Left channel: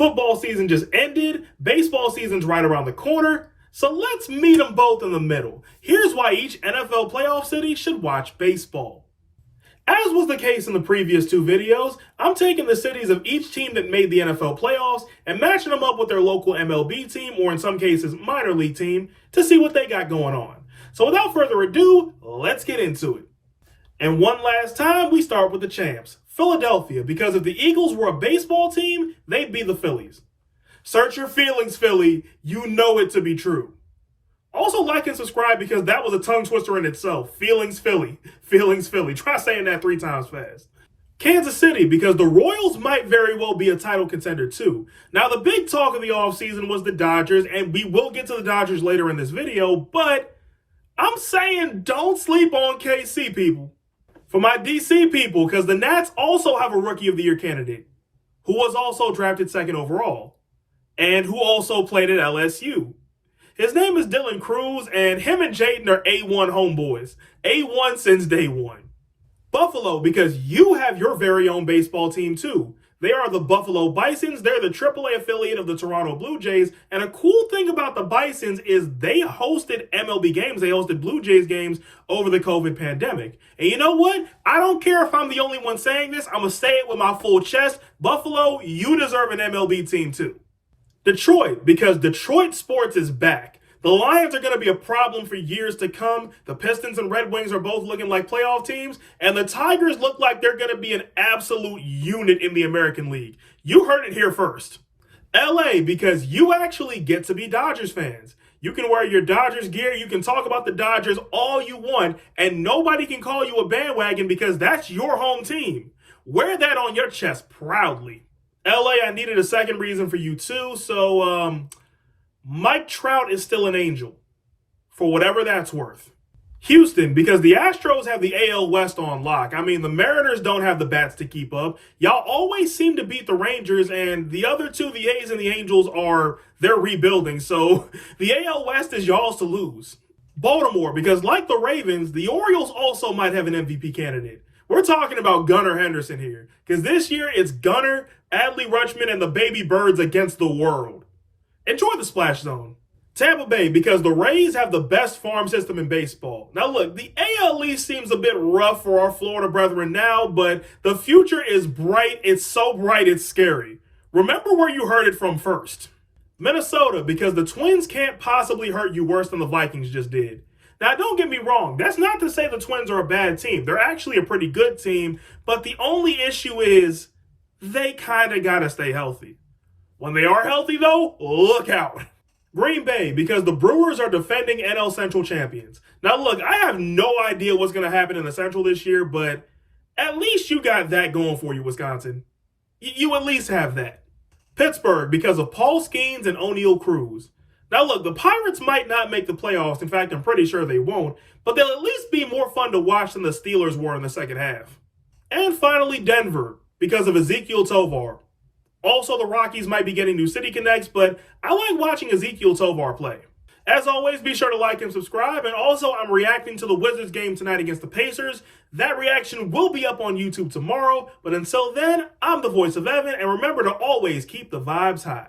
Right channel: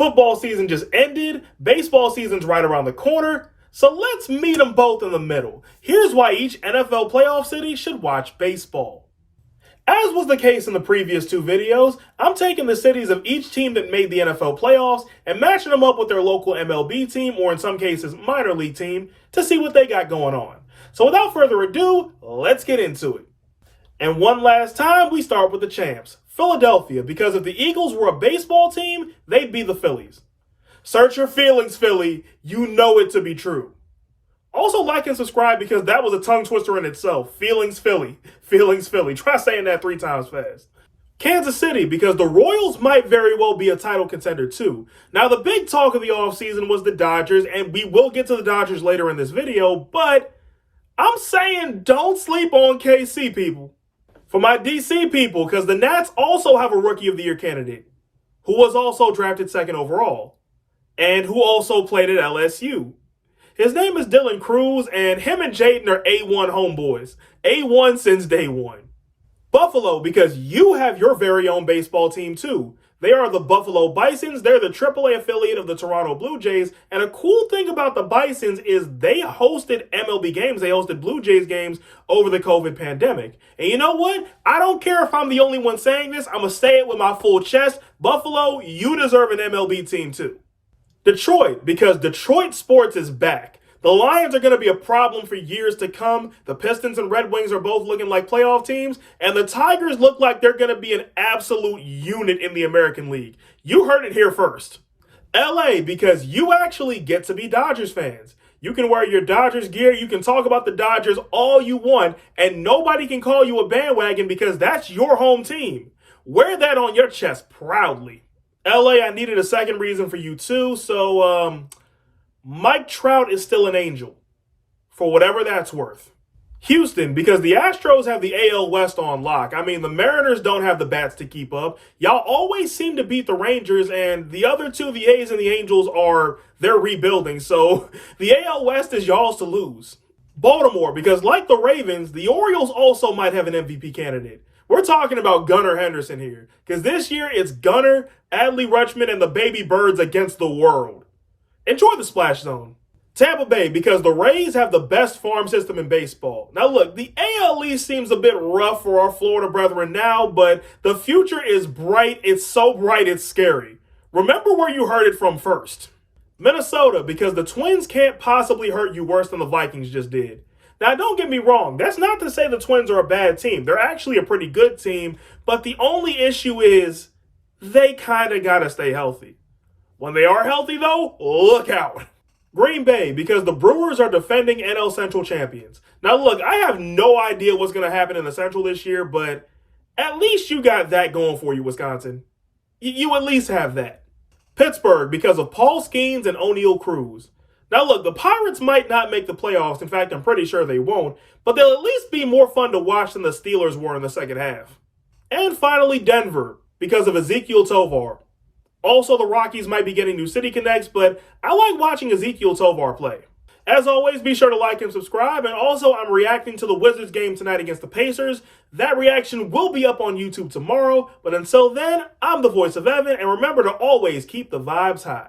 Football season just ended, baseball season's right around the corner, so let's meet them both in the middle. Here's why each NFL playoff city should watch baseball. As was the case in the previous two videos, I'm taking the cities of each team that made the NFL playoffs and matching them up with their local MLB team, or in some cases minor league team, to see what they got going on. So without further ado, let's get into it. And one last time, we start with the champs, Philadelphia, because if the Eagles were a baseball team, they'd be the Phillies. Search your feelings, Philly. You know it to be true. Also like and subscribe because that was a tongue twister in itself. Feelings Philly. Feelings Philly. Try saying that 3 times fast. Kansas City, because the Royals might very well be a title contender too. Now, the big talk of the offseason was the Dodgers, and we will get to the Dodgers later in this video, but I'm saying don't sleep on KC, people. For my DC people, because the Nats also have a Rookie of the Year candidate, who was also drafted 2nd overall, and who also played at LSU. His name is Dylan Cruz, and him and Jaden are A1 homeboys. A1 since day one. Buffalo, because you have your very own baseball team too. They are the Buffalo Bisons. They're the AAA affiliate of the Toronto Blue Jays. And a cool thing about the Bisons is they hosted MLB games. They hosted Blue Jays games over the COVID pandemic. And you know what? I don't care if I'm the only one saying this. I'm going to say it with my full chest. Buffalo, you deserve an MLB team too. Detroit, because Detroit sports is back. The Lions are going to be a problem for years to come. The Pistons and Red Wings are both looking like playoff teams. And the Tigers look like they're going to be an absolute unit in the American League. You heard it here first. LA, because you actually get to be Dodgers fans. You can wear your Dodgers gear. You can talk about the Dodgers all you want. And nobody can call you a bandwagon because that's your home team. Wear that on your chest proudly. LA, I needed a second reason for you too. So, Mike Trout is still an angel, for whatever that's worth. Houston, because the Astros have the AL West on lock. I mean, the Mariners don't have the bats to keep up. Y'all always seem to beat the Rangers, and the other two, the A's and the Angels, they're rebuilding. So the AL West is y'all's to lose. Baltimore, because like the Ravens, the Orioles also might have an MVP candidate. We're talking about Gunnar Henderson here, because this year it's Gunnar, Adley Rutschman, and the Baby Birds against the world. Enjoy the splash zone. Tampa Bay, because the Rays have the best farm system in baseball. Now look, the AL East seems a bit rough for our Florida brethren now, but the future is bright. It's so bright, it's scary. Remember where you heard it from first. Minnesota, because the Twins can't possibly hurt you worse than the Vikings just did. Now, don't get me wrong. That's not to say the Twins are a bad team. They're actually a pretty good team, but the only issue is they kind of got to stay healthy. When they are healthy, though, look out. Green Bay, because the Brewers are defending NL Central champions. Now, look, I have no idea what's going to happen in the Central this year, but at least you got that going for you, Wisconsin. You at least have that. Pittsburgh, because of Paul Skeens and O'Neal Cruz. Now, look, the Pirates might not make the playoffs. In fact, I'm pretty sure they won't, but they'll at least be more fun to watch than the Steelers were in the second half. And finally, Denver, because of Ezekiel Tovar. Also, the Rockies might be getting new city connects, but I like watching Ezekiel Tovar play. As always, be sure to like and subscribe. And also, I'm reacting to the Wizards game tonight against the Pacers. That reaction will be up on YouTube tomorrow. But until then, I'm the voice of Evan. And remember to always keep the vibes high.